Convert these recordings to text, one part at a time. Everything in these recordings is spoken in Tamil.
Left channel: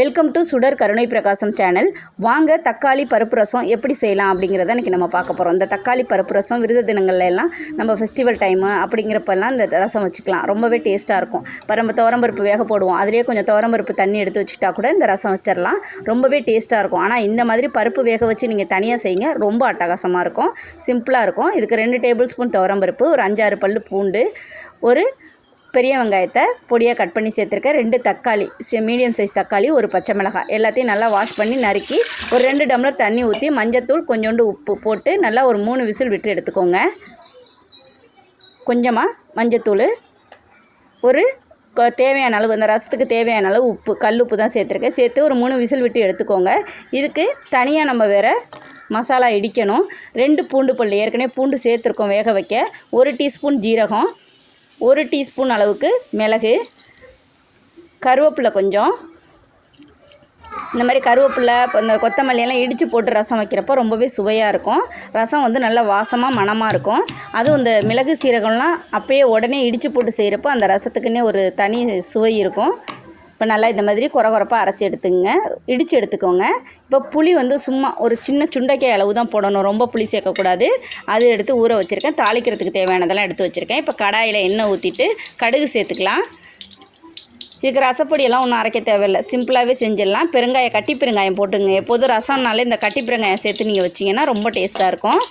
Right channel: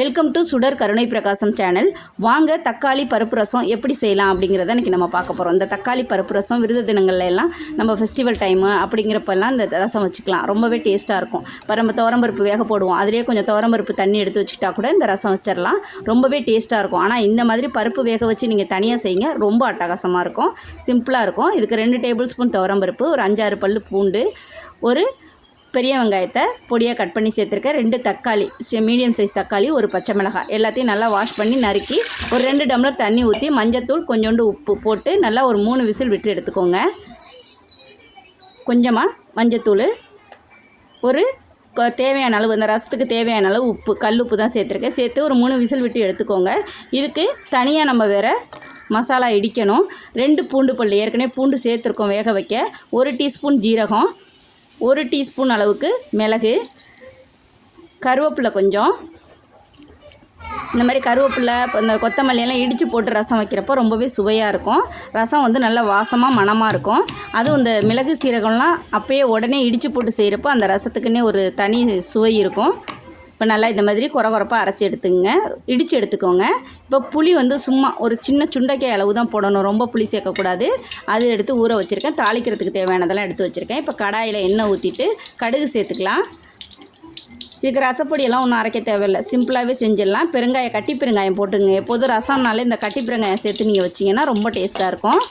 வெல்கம் டு சுடர் கருணை பிரகாசம் சேனல் வாங்க தக்காளி பருப்பு ரசம் எப்படி செய்யலாம் அப்படிங்கிறத இன்றைக்கி நம்ம பார்க்க போகிறோம் இந்த தக்காளி பருப்பு ரசம் விருது தினங்கள்ல எல்லாம் நம்ம ஃபெஸ்டிவல் டைமு அப்படிங்கிறப்பெல்லாம் இந்த ரசம் வச்சுக்கலாம். ரொம்பவே டேஸ்ட்டாக இருக்கும். பரம்பு நம்ம துவரம்பருப்பு வேக போடுவோம். அதிலே கொஞ்சம் துவரம்பருப்பு தண்ணி எடுத்து வச்சுக்கிட்டா கூட இந்த ரசம் வச்சிடலாம். ரொம்பவே டேஸ்ட்டாக இருக்கும். ஆனால் இந்த மாதிரி பருப்பு வேக வச்சு நீங்கள் தனியாக செய்யுங்க. ரொம்ப அட்டகாசமாக இருக்கும். சிம்பிளாக இருக்கும். இதுக்கு ரெண்டு டேபிள் ஸ்பூன் துவரம்பருப்பு ஒரு அஞ்சாறு பல்லு பூண்டு ஒரு பெரிய வெங்காயத்தை பொடியாக கட் பண்ணி சேர்த்துருக்கேன். ரெண்டு தக்காளி மீடியம் சைஸ் தக்காளி ஒரு பச்சை மிளகாய். எல்லாத்தையும் நல்லா வாஷ் பண்ணி நறுக்கி ஒரு ரெண்டு டம்ளர் தண்ணி ஊற்றி மஞ்சத்தூள் கொஞ்சோண்டு உப்பு போட்டு நல்லா ஒரு மூணு விசில் விட்டு எடுத்துக்கோங்க. கொஞ்சமாக மஞ்சத்தூள் ஒரு தேவையான அளவு இந்த ரசத்துக்கு தேவையான அளவு உப்பு கல் உப்பு தான் சேர்த்துருக்கேன். சேர்த்து ஒரு மூணு விசில் விட்டு எடுத்துக்கோங்க. இதுக்கு தனியாக நம்ம வேறு மசாலா இடிக்கணும். ரெண்டு பூண்டு பல் ஏற்கனவே பூண்டு சேர்த்துருக்கோம் வேக வைக்க. ஒரு டீஸ்பூன் ஜீரகம் ஒரு டீஸ்பூன் அளவுக்கு மிளகு கருவேப்பிலை கொஞ்சம். இந்த மாதிரி கருவேப்பிலை இப்போ இந்த கொத்தமல்லி எல்லாம் இடித்து போட்டு ரசம் வைக்கிறப்போ ரொம்பவே சுவையாக இருக்கும். ரசம் வந்து நல்லா வாசமாக மணமாக இருக்கும். அதுவும் இந்த மிளகு சீரகம்லாம் அப்போயே உடனே இடித்து போட்டு செய்கிறப்போ அந்த ரசத்துக்குன்னே ஒரு தனி சுவை இருக்கும். இப்போ நல்லா இந்த மாதிரி குறை குறைப்பாக அரைச்சி எடுத்துங்க. இடித்து எடுத்துக்கோங்க. இப்போ புளி வந்து சும்மா ஒரு சின்ன சுண்டைக்காய் அளவு தான் போடணும். ரொம்ப புளி சேர்க்கக்கூடாது. அது எடுத்து ஊற வச்சுருக்கேன். தாளிக்கிறதுக்கு தேவையானதெல்லாம் எடுத்து வச்சுருக்கேன். இப்போ கடாயில் எண்ணெய் ஊற்றிட்டு கடுகு சேர்த்துக்கலாம். இதுக்கு ரசப்பொடியெல்லாம் ஒன்றும் அரைக்க தேவையில்லை. சிம்பிளாகவே செஞ்சிடலாம். பெருங்காயம் கட்டி பெருங்காயம் போட்டுங்க. எப்போதும் ரசம்னாலே இந்த கட்டி பெருங்காயம் சேர்த்து நீங்கள் வச்சிங்கன்னா ரொம்ப டேஸ்ட்டாக இருக்கும்.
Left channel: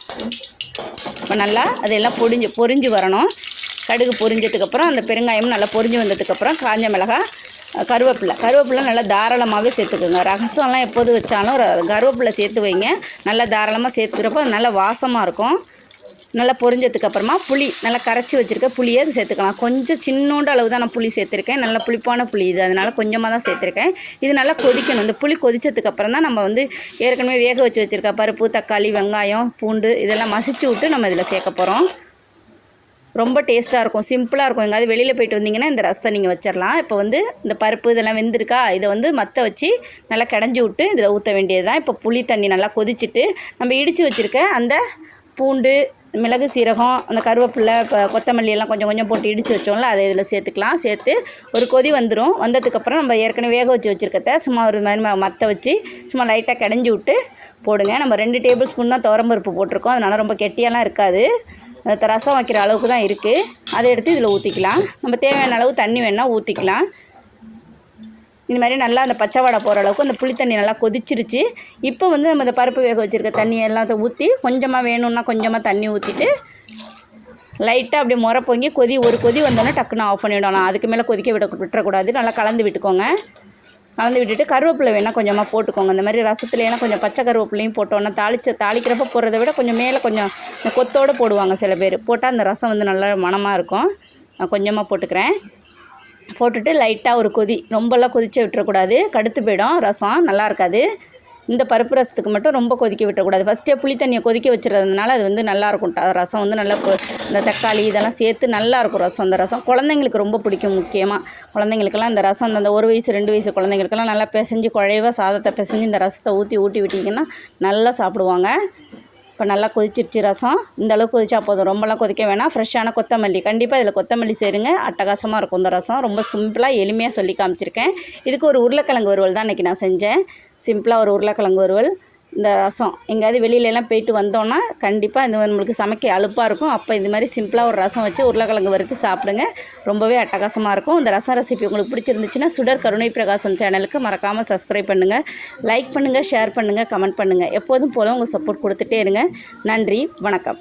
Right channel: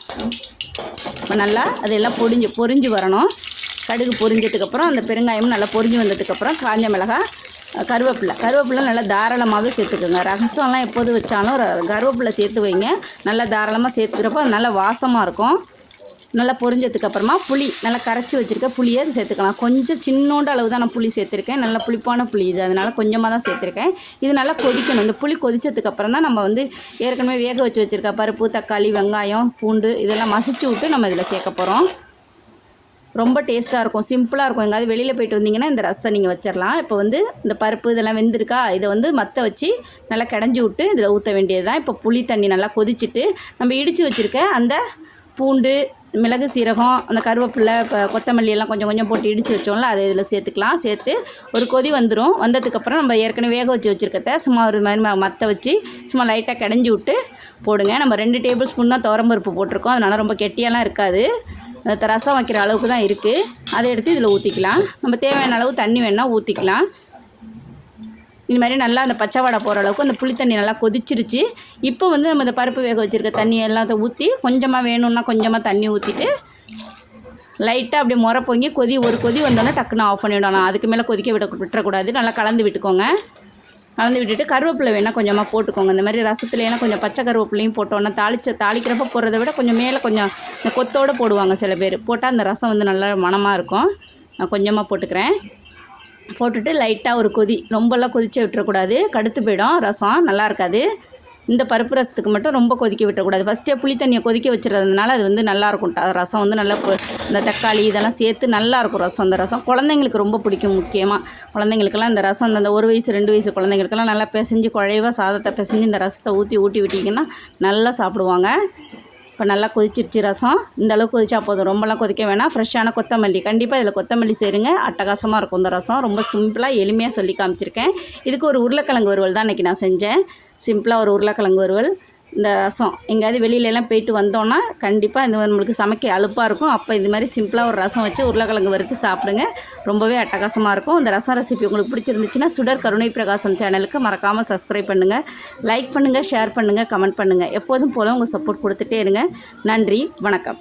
இப்போ நல்லா அதெல்லாம் பொரிஞ்சு பொரிஞ்சு வரணும். கடுகு பொரிஞ்சதுக்கப்புறம் அந்த பெருங்காயம் நல்லா பொரிஞ்சு வந்ததுக்கப்புறம் காஞ்ச மிளகாய் கருவேப்பிலை. கருவேப்பிலை நல்லா தாராளமாகவே சேர்த்துக்கோங்க. ரசம்லாம் எப்போது வச்சாலும் கருவேப்பிலை சேர்த்து வைங்க. நல்லா தாராளமாக சேர்த்துக்கிறப்போ அது நல்லா வாசமாக இருக்கும். நல்லா பொரிஞ்சதுக்கு அப்புறமா புளி நல்லா கரைச்சி வச்சுருக்க புளியை அது சேர்த்துக்கலாம். கொஞ்சம் சின்னோண்டு அளவு தான் நான் புளி சேர்த்துருக்கேன். நல்லா புளிப்பான புளி இது. அதனால் கொஞ்சமாக தான் சேர்த்துருக்கேன். இது நல்லா கொதிக்கணும். இந்த புளி கொதிச்சதுக்கப்புறம் தான் நம்ம வந்து ஏற்கனவே வேக வச்சு வச்சுருக்க பருப்பு தக்காளி வெங்காயம் பூண்டு இதெல்லாம் மசிச்சு விட்டு நம்ம இதில் சேர்க்க போகிறோம் ரொம்ப டேஸ்ட்டாக இருக்கும் சிம்பிளாக இருக்கும். எங்கேயாவது வெளியில் போயிட்டு வந்தீங்கன்னா இந்த ரசத்தை நீங்கள் வச்சிடலாம் இப்போ வந்து இந்த பருப்பு இதெல்லாம் வெந்திருக்கா இதை வந்து மற்ற வச்சு நல்லா கடைஞ்சி விட்டு இதில் ஊற்ற வேண்டியது தான் இப்போ புளி தண்ணி நல்லா கொதிச்சுட்டு நம்ம இடித்து வச்சுருக்க அந்த பூண்டு மிளகு சீரகம் அந்த கருவேப்பிலை இப்போ கொத்தமல்லி எல்லாம் கொஞ்சம் கொஞ்சம் போட்டு இடித்து வச்சோம்ல அதை இதில் சேர்த்துக்கலாம். சேர்த்து ஒரு கொதி வந்துடும் வந்ததுக்கப்புறம் நம்ம ஏற்கனவே வேக வச்சு வச்சுருக்கத சும்மா ஒரு மாதிரி மற்ற வச்சு சும்மா லைட்டாக கடைஞ்சி விட்டு போடுங்க. நம்ம ரெண்டு டேபிள் ஸ்பூன் தான் துவரம்பருப்பு போட்டிருக்கோம். அதனால் ரொம்ப கெட்டியெல்லாம் இருக்காது. ரசம் வைக்கிற அளவுக்கு தான் இருக்குது அதை எடுத்து இதில் ஊற்றிக்கலாம் நம்ம தேவையான அளவு தண்ணி வேணால் ஊற்றிக்கலாம் இது மாதிரி நல்லா அந்த பச்சை வடை போகிற அளவுக்கு அந்த புளி தண்ணி நல்லா கொதிச்சிருச்சு. இப்போ வந்து நம்ம இந்த பருப்பு வேக வச்சுருக்க தண்ணி எல்லாத்தையும் ஊற்றி கொஞ்சமாக வேணும்னா கொஞ்சமாக தண்ணி ஊற்றிட்டு லைட்டாக அப்படியே முறை பொங்கி கொதி ஒரு கொதி வந்தோன்னே டக்குன்னு ஆஃப் பண்ணிவிடணும் அதுக்கு மேலே கொதிக்க விட விட்டுறக்கூடாது. நல்லா கலந்து விட்டுக்கோங்க. கலந்து விட்டுட்டு கருவேப்பிலை வேணால் கொஞ்சமாக போட்டுக்கோங்க. இந்த மாதிரி ரசத்துலையெல்லாம் கொஞ்சம் பச்சை கருவேப்பிலையும் போட்டோன்னா தாளிச்ச தாளிக்கிறப்ப போடுறத விட கொஞ்சம் மேலே கொஞ்சம் கொத்தோடு போடுவாங்க சில பேர். போட்டால் அந்த ரசம் வந்து நல்லா மனமாக இருக்கும். நான் கொஞ்சமாக போட்டுக்கிறேன். போட்டுட்டு லைட்டாக ஒரு கொதி ரொம்பலாம் கொதிச்சு விட்டுறக்கூடாது. கடுத்து போயிடும் ரசம். நல்லா இருக்காது. இந்த பருப்பு ரசத்துக்கு மட்டும் ரொம்ப கொதிக்க விட்டுறக்கூடாது ஃபஸ்ட்டே புளி தண்ணியை கொதிக்க வச்சுருந்ததுனால அது வந்து நல்லாயிருக்கும் ரசம் வந்து நல்லா இந்த தக்காளி இதெல்லாம் சேர்த்து நல்லாயிருக்கும் ரசம். அந்த ரசம் குழந்தைங்களுக்கு ரொம்ப பிடிக்கும் முக்கியமாக குழந்தைங்களுக்கெல்லாம் இந்த ரசம் அந்த ஒரு வயசு ரெண்டு வயசு குழந்தைங்களுக்கெல்லாம் நல்லா பிசைஞ்சு குழைவா சாதத்தை பிசைஞ்சு இந்த ரசத்தை ஊற்றி ஊட்டி விட்டிங்கன்னா நல்லா சாப்பிடுவாங்க. இப்போ நல்லா கொதிச்சிருச்சு ரசம். இந்த அளவுக்கு கொதிச்சா போதும். ரொம்பலாம் கொதிக்க வேணாம். ஃப்ரெஷ்ஷான கொத்தமல்லி. கண்டிப்பாக இதில் கொத்தமல்லி சேருங்க. அட்டகாசமாக இருக்கும் இந்த ரசம். ரொம்ப சிம்பிளாக எளிமையாக சொல்லி காமிச்சிருக்கேன். இதுக்கு ஒரு உருளைக்கிழங்கு வறுவல் தான் இன்றைக்கி நான் செஞ்சேன். சிம்பிளாக ஒரு உருளைக்கிழங்கு வறுவல். இந்த ரசம். எங்கேயாவது வெளியிலலாம் போயிட்டு வந்தோன்னா கண்டிப்பாக இது நம்மளுக்கு சமைக்க அலுப்பாக இருக்கும். அப்போ இது மாதிரி சிம்பிளாக ஒரு ரசம் வச்சு உருளைக்கிழங்கு வறுத்து சாப்பிடுங்க. ரொம்பவே அட்டகாசமாக இருக்கும். இந்த ரசம் ரெசிபி உங்களுக்கு பிடிச்சிருந்துச்சுன்னா சுடர் கருணை பிரகாசம் சேனலுக்கு மறக்காமல் சப்ஸ்கிரைப் பண்ணுங்கள் லைக் பண்ணுங்கள் ஷேர் பண்ணுங்கள் கமெண்ட் பண்ணுங்கள் எப்போதும் போல் உங்கள் சப்போர்ட் கொடுத்துட்டே இருங்க. நன்றி வணக்கம்.